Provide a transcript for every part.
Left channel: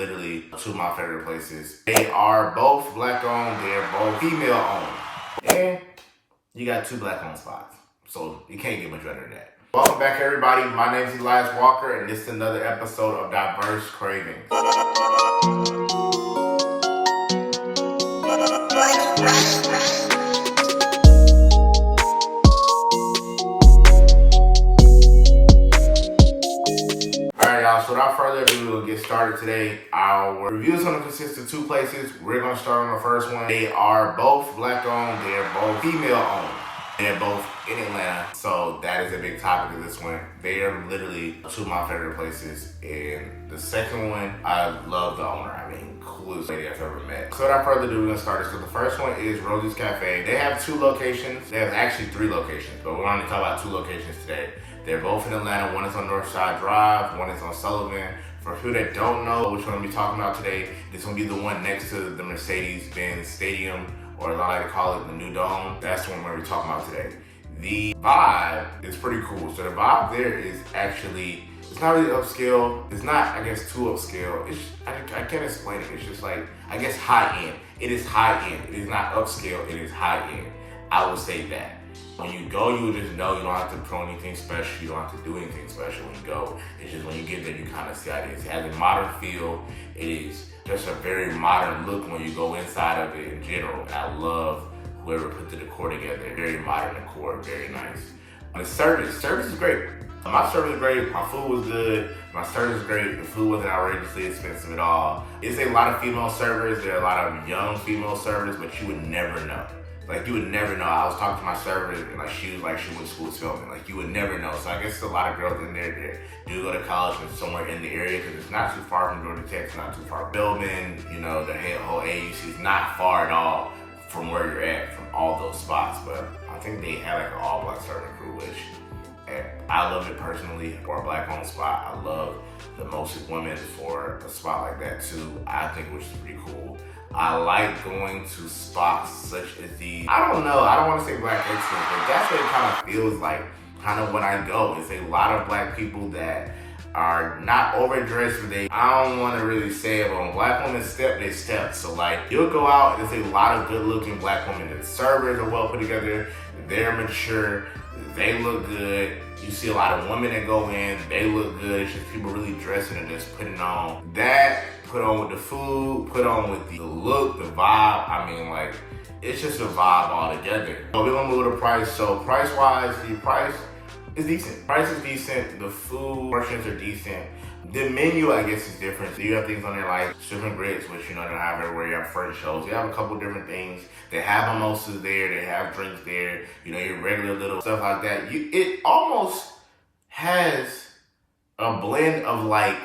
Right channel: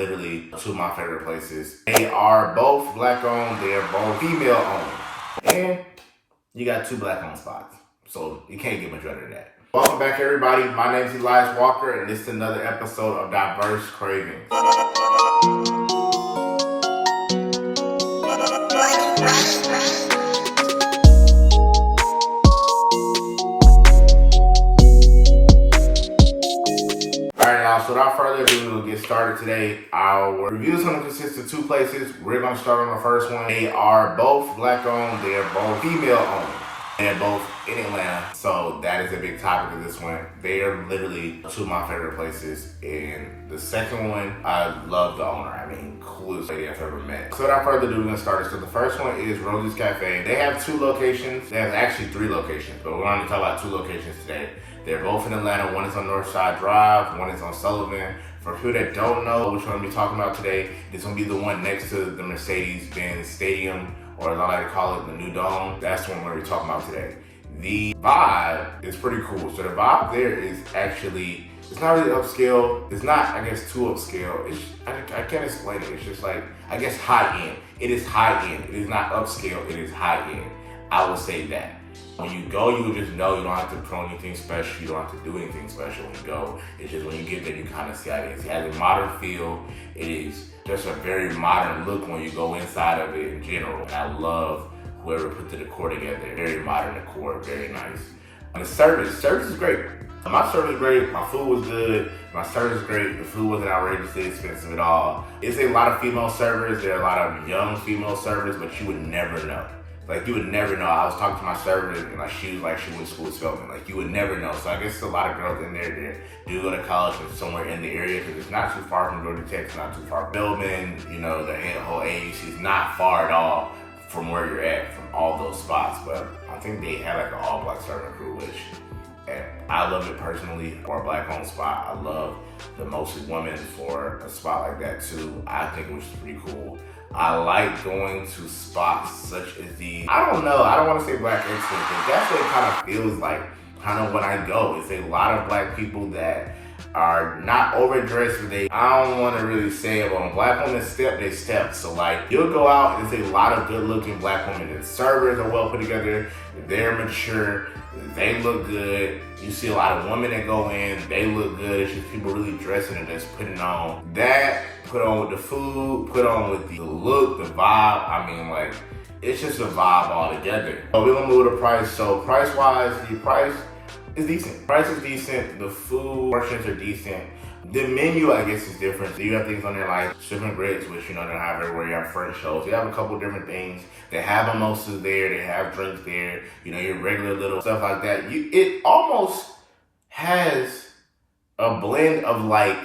literally two of my favorite places. They are both black owned, they are both female owned. And you got two black owned spots. So you can't get much better than that. Welcome back everybody, my name is Elias Walker and this is another episode of Diverse Cravings. So without further ado, we'll get started today. Our review is going to consist of two places. We're going to start on the first one. They are both black owned. They are both female owned. They're both in Atlanta. So that is a big topic of this one. They are literally two of my favorite places. And the second one, I love the owner. I mean, coolest lady I've ever met. So without further ado, we're going to start this. So the first one is Rosie's Cafe. They have two locations. They have actually three locations, but we're going to talk about two locations today. They're both in Atlanta. One is on Northside Drive, one is on Sullivan. For people that don't know which one I'm going to be talking about today, this is going to be the one next to the Mercedes-Benz Stadium, or as I like to call it, the new dome. That's the one we're going to be talking about today. The vibe is pretty cool. So the vibe there is actually, it's not really upscale. It's not, I guess, too upscale. I can't explain it. It's just like, I guess, high end. It is high end. It is not upscale. It is high end. I would say that. When you go, you will just know you don't have to put on anything special. You don't have to do anything special when you go. It's just when you get there, you kind of see how it is. It has a modern feel. It is just a very modern look when you go inside of it in general. And I love whoever put the decor together. Very modern decor, very nice. And the service is great. My service is great. My food was good. My service is great. The food wasn't outrageously expensive at all. It's a lot of female servers. There are a lot of young female servers, but you would never know. Like, you would never know. I was talking to my server and like she was like, she went to school with Spelman. Like, you would never know. So I guess there's a lot of girls in there that do go to college and somewhere in the area because it's not too far from Georgia Tech. It's not too far from Spelman. You know, the whole AUC is not far at all from where you're at, from all those spots. But I think they had like an all-black serving crew, and I love it personally for a black-owned spot. I love the most women for a spot like that too. I think it was pretty cool. I like going to spots such as these. I don't know, I don't want to say black excellence, but that's what it kind of feels like, kind of when I go. It's a lot of black people that are not overdressed, but I don't want to really say it, but when black women step, they step. So like, you'll go out and there's a lot of good looking black women. The servers are well put together, they're mature, they look good. You see a lot of women that go in, they look good. It's just people really dressing and just putting on that, put on with the food, put on with the look, the vibe. I mean, like, it's just a vibe altogether. So we're gonna move to the price. So price-wise, the price is decent. Price is decent. The food portions are decent. The menu, I guess, is different. So you have things on there like shrimp and grits, which you know they don't have everywhere. You have French toast. You have a couple different things. They have mimosas there. They have drinks there. You know, your regular little stuff like that. It almost has a blend of like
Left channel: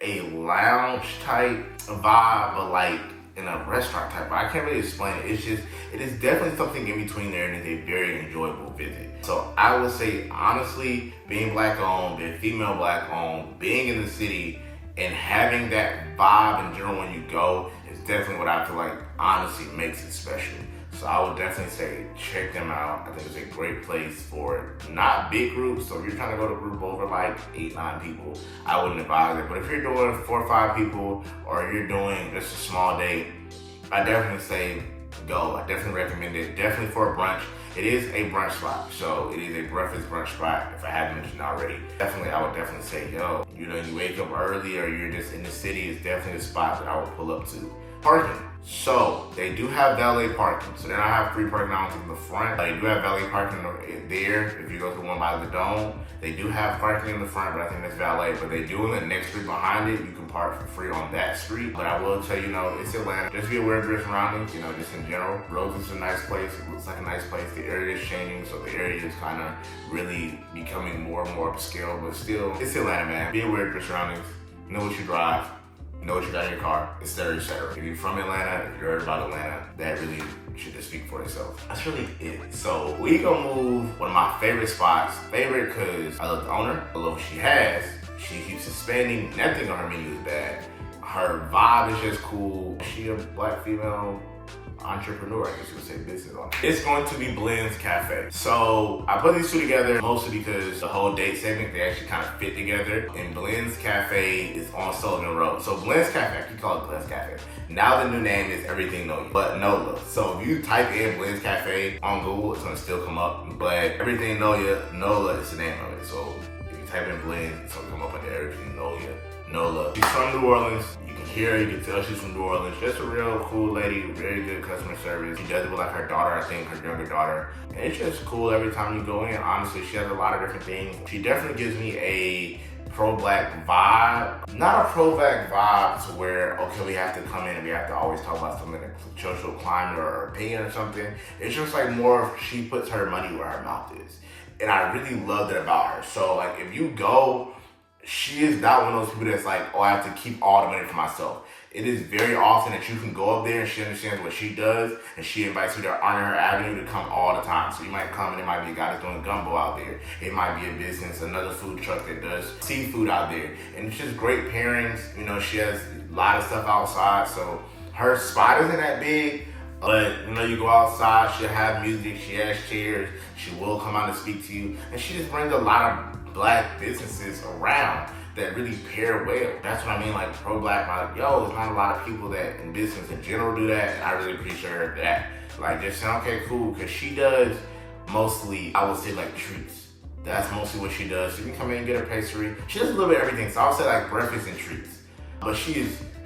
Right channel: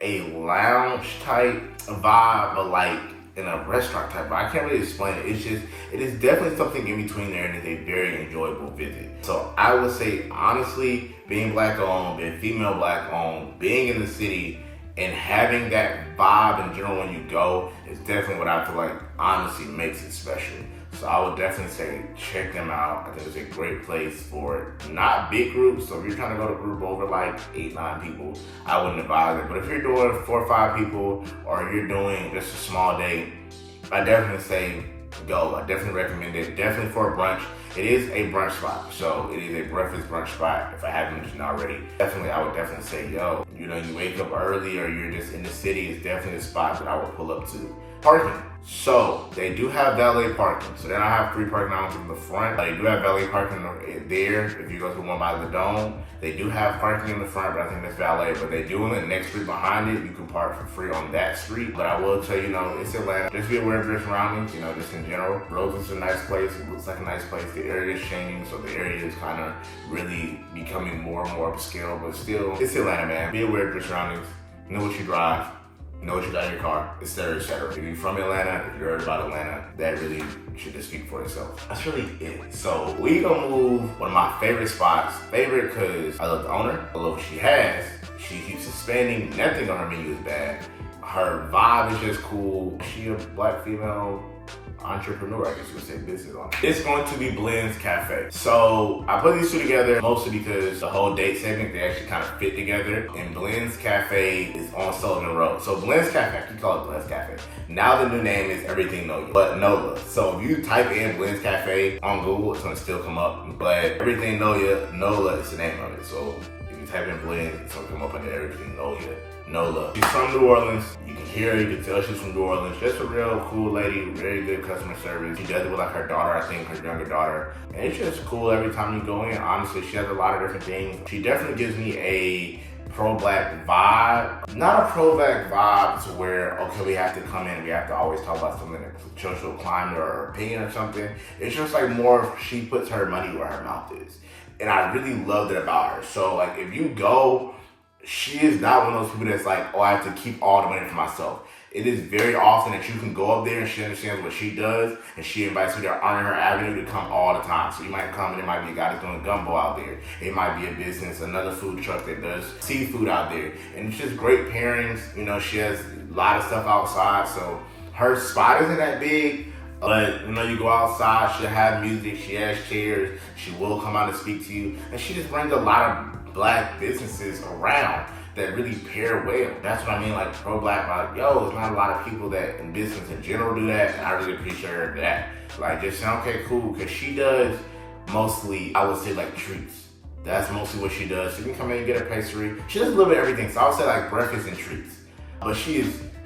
a lounge type vibe, but like in a restaurant type. But I can't really explain it. It's just, it is definitely something in between there, and it's a very enjoyable visit. So I would say, honestly, being black owned, being female black owned, being in the city, and having that vibe in general when you go is definitely what I feel like honestly makes it special. So I would definitely say check them out. I think it's a great place for not big groups. So if you're trying to go to a group over like 8-9 people, I wouldn't advise it. But if you're doing 4 or 5 people, or you're doing just a small date, I definitely say go. I definitely recommend it. Definitely for a brunch. It is a brunch spot. So it is a breakfast brunch spot, if I haven't mentioned already. Definitely, I would definitely say, yo, you know, you wake up early or you're just in the city, it's definitely a spot that I would pull up to. Parking. So they do have valet parking. So they don't have free parking out in the front. They do have valet parking there. If you go to one by the dome, they do have parking in the front, but I think that's valet. But they do in the next street behind it. You can park for free on that street. But I will tell you, it's Atlanta. Just be aware of your surroundings, just in general. Rose's a nice place. It looks like a nice place. The area is changing, so the area is kind of really becoming more and more upscale. But still, it's Atlanta, man. Be aware of your surroundings. Know what you drive. Know what you got in your car, etc., etc. If you're from Atlanta, if you heard about Atlanta, that really should just speak for itself. That's really it. So we gonna move one of my favorite spots. Favorite because I love the owner. I love what she has. She keeps expanding. Nothing on her menu is bad. Her vibe is just cool. She a black female entrepreneur, I guess you would say, business owner. It's going to be Blend's Cafe. So I put these two together mostly because the whole date segment, they actually kind of fit together. And Blend's Cafe is on Sullivan Road. So Blend's Cafe, I keep calling it Blend's Cafe. Now the new name is Everything Nola, but Nola. So if you type in Blend's Cafe on Google, it's gonna still come up. But Everything Nola is the name of it. So if you type in Blend, it's gonna come up under Everything Nola. She's from New Orleans. You can hear her, you can tell she's from New Orleans. Just a real cool lady, very good customer service. She does it with like her daughter, I think, her younger daughter. And it's just cool every time you go in. Honestly, she has a lot of different things. She definitely gives me a pro-black vibe. Not a pro-black vibe to where, okay, we have to come in and we have to always talk about something like social climate or opinion or something. It's just like more of she puts her money where her mouth is. And I really loved it about her. So like if you go, she is not one of those people that's like, oh, I have to keep all the money for myself. It is very often that you can go up there and she understands what she does and she invites you to honor her avenue to come all the time. So you might come and it might be a guy that's doing gumbo out there. It might be a business, another food truck that does seafood out there. And it's just great pairings. You know, she has a lot of stuff outside. So her spot isn't that big. But you know, you go outside, she'll have music, she has chairs, she will come out and speak to you. And she just brings a lot of black businesses around that really pair well. That's what I mean, like pro-black, like, yo, there's not a lot of people that in business in general do that, and I really appreciate her for that. Like, just saying, okay, cool, because she does mostly, I would say, like treats. That's mostly what she does. She can come in and get a pastry. She does a little bit of everything, so I would say like breakfast and treats. But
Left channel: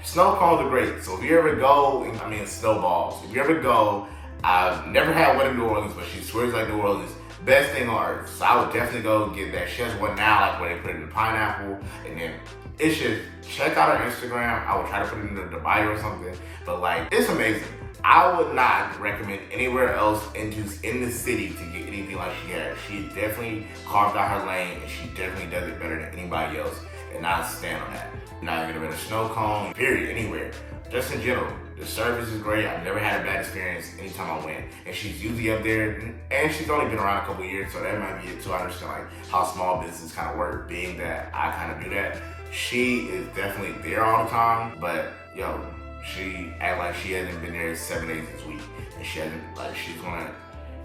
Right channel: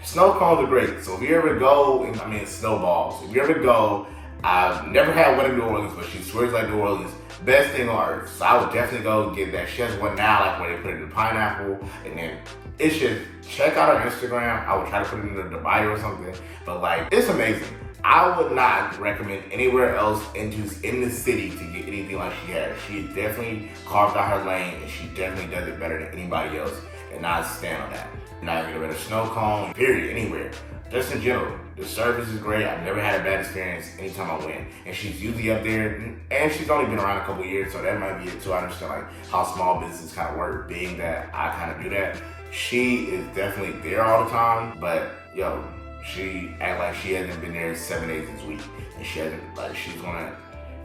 snow cones are great. So if you ever go, snowballs. If you ever go, I've never had one in New Orleans, but she swears like New Orleans. Best thing on earth. So I would definitely go and get that. She has one now, like where they put it in the pineapple, and then it's just, check out her Instagram. I would try to put it in the bio or something, but like, it's amazing. I would not recommend anywhere else in the city to get anything like she has. She definitely carved out her lane, and she definitely does it better than anybody else, and I stand on that. Not get a better snow cone, period, anywhere. Just in general, the service is great. I've never had a bad experience anytime I went. And she's usually up there, and she's only been around a couple years, so that might be it too. I understand like how small businesses kind of work, being that I kind of do that. She is definitely there all the time, but yo, she act like she hasn't been there 7 days this week. And she hasn't, like, she's gonna,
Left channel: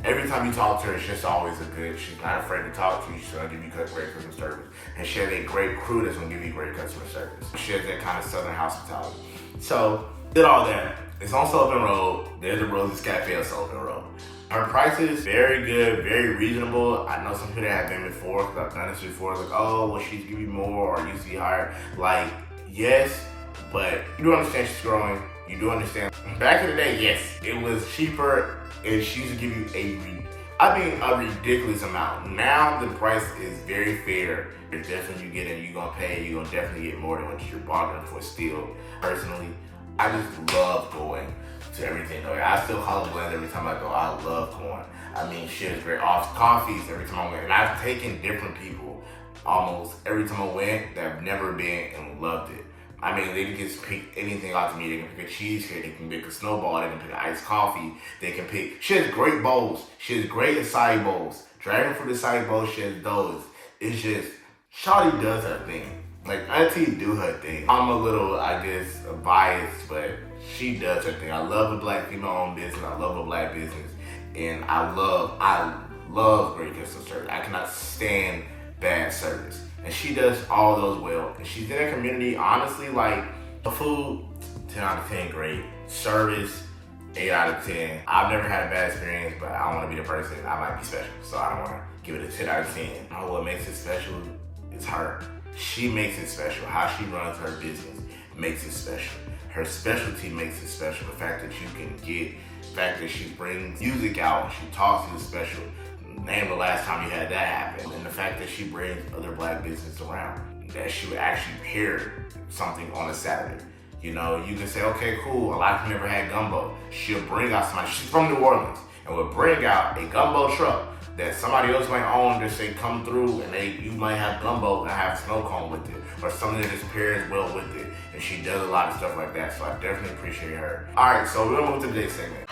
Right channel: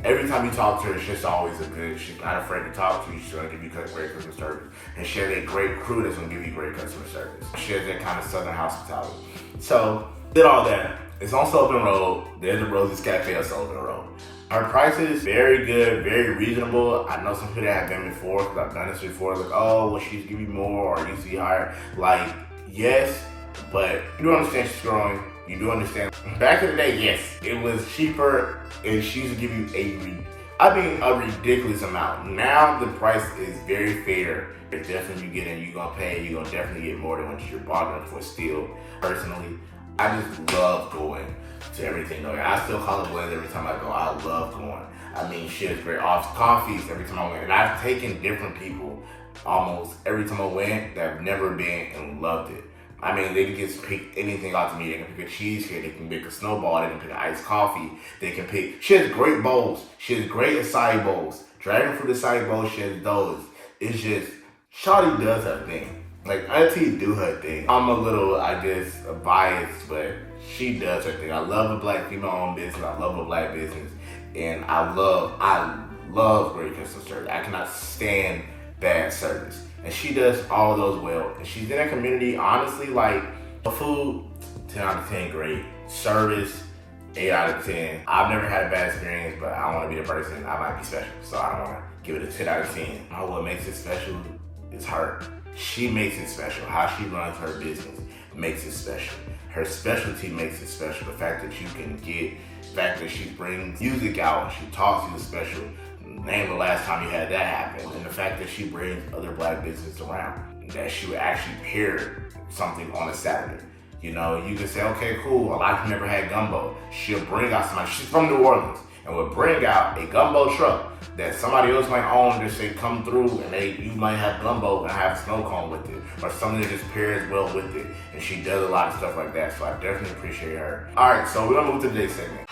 every time you talk to her, it's just always she's not afraid to talk to you. She's gonna give you great customer service. And she has a great crew that's gonna give you great customer service. She has that kind of Southern hospitality. So, did all that. It's on Sullivan Road. There's the Rosie's Cafe on Sullivan Road. Her prices, very good, very reasonable. I know some people that have been before, because I've done this before, like, oh, well, she's giving you more or usually higher. Like, yes, but you do understand she's growing. You do understand. Back in the day, yes, it was cheaper and she used to give you a ridiculous amount. Now the price is very fair. It's definitely you get in, you're gonna pay, you're gonna definitely get more than what you're bargaining for still. Personally, I just love going to Everything Nola. I still call it Blend every time I go. I love going. I mean, she has great coffees every time I went. And I've taken different people almost every time I went that have never been and loved it. I mean, they can just pick anything out to me. They can pick a cheesecake, they can pick a snowball, they can pick an iced coffee, they can pick, she has great bowls. She has great acai bowls. Dragon fruit acai bowls, she has those. It's just, shawty does her thing. Like, auntie do her thing. I'm a little, I guess, biased, but she does her thing. I love a black female-owned business. I love a black business. And I love great customer service. I cannot stand bad service. And she does all of those well. And she's in a community, honestly, like, the food, 10 out of 10, great. Service, 8 out of 10. I've never had a bad experience, but I don't want to be the person. I might be special, so I don't want to give it a 10 out of 10. What makes it special is her. She makes it special. How she runs her business makes it special. Her specialty makes it special. The fact that you can get, the fact that she brings music out and she talks to you is special. Name the last time you had that happen. And the fact that she brings other black businesses around, that she would actually pair something on a Saturday. You know, you can say, okay, cool. A lot of you never had gumbo. She'll bring out somebody. She's from New Orleans and will bring out a gumbo truck that somebody else might own, just say come through and you might have gumbo and have snow cone with it, or something that just pairs well with it. And she does a lot of stuff like that, so I definitely appreciate her. All right, so we're gonna move to the date segment.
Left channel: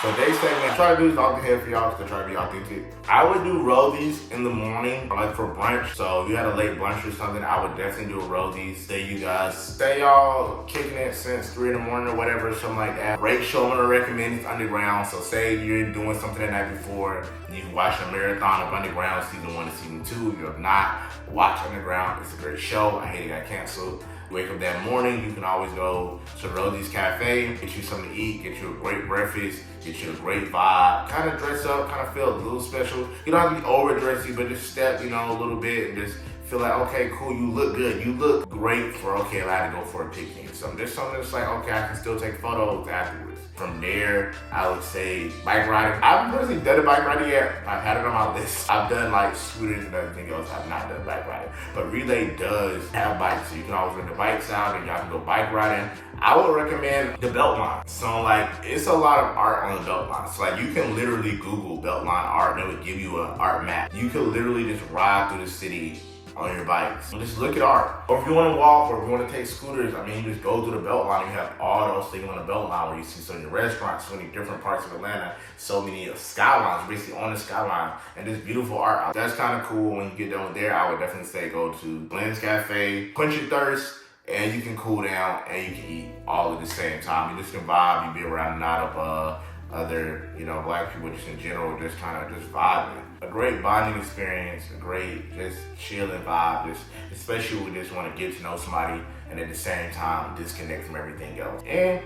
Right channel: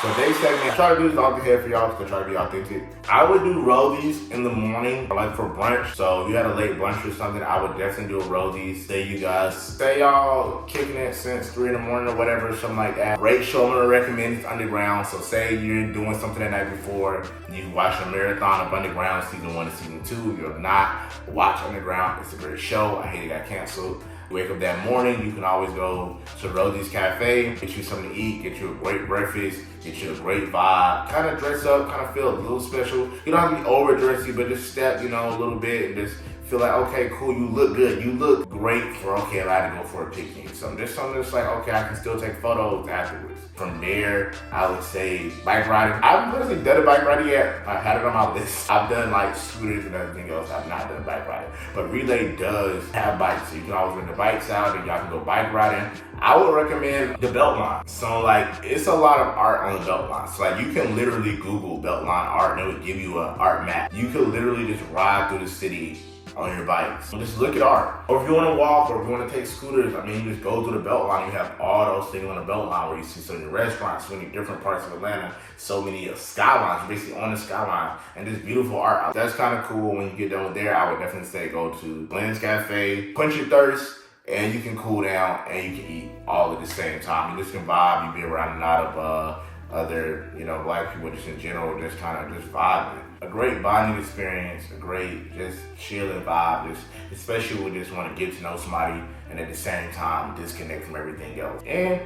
So today's segment, I try to do this off the head for y'all because I try to be authentic. I would do roadies in the morning, or like for brunch. So if you had a late brunch or something, I would definitely do a roadies. Say y'all kicking it since 3 in the morning or whatever, something like that. Great show I'm gonna recommend is Underground. So say you're doing something the night before, you can watch a marathon of Underground season 1 and season 2. If you have not, watch Underground. It's a great show. I hate it got canceled. Wake up that morning, you can always go to Rosie's Cafe, get you something to eat, get you a great breakfast, get you a great vibe, kind of dress up, kind of feel a little special. You don't have to be over dressy, but just step, a little bit and just feel like, okay, cool, you look good. You look great for, okay, I had to go for a picnic. So there's something that's like, okay, I can still take photos afterwards. From there, I would say bike riding. I haven't personally done a bike riding yet. I had it on my list. I've done like scooters and everything else. I've not done bike riding. But Relay does have bikes. So you can always rent the bikes out and y'all can go bike riding. I would recommend the Beltline. So like, it's a lot of art on the Beltline. So like, you can literally Google Beltline art and it would give you an art map. You can literally just ride through the city on your bikes. Just look at art. Or if you want to walk or if you want to take scooters, just go through the Beltline. You have all those things on the Beltline where you see so many restaurants, so many different parts of Atlanta, so many skylines, basically on the skyline, and just beautiful art. That's kind of cool. When you get done with there, I would definitely say go to Glenn's Cafe, quench your thirst, and you can cool down and you can eat all at the same time. You just can vibe. You be around a lot of other, black people just in general, just kind of just vibing. A great bonding experience, a great just chilling vibe, just especially when we just want to get to know somebody and at the same time disconnect from everything else. And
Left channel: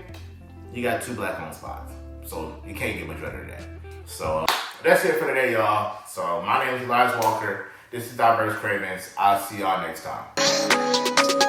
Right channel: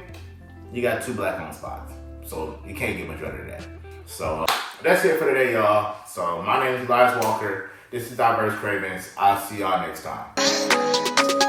you got 2 black-owned spots, so you can't get much better than that. So that's it for today, y'all. So my name is Elias Walker. This is Diverse Cravings. I'll see y'all next time.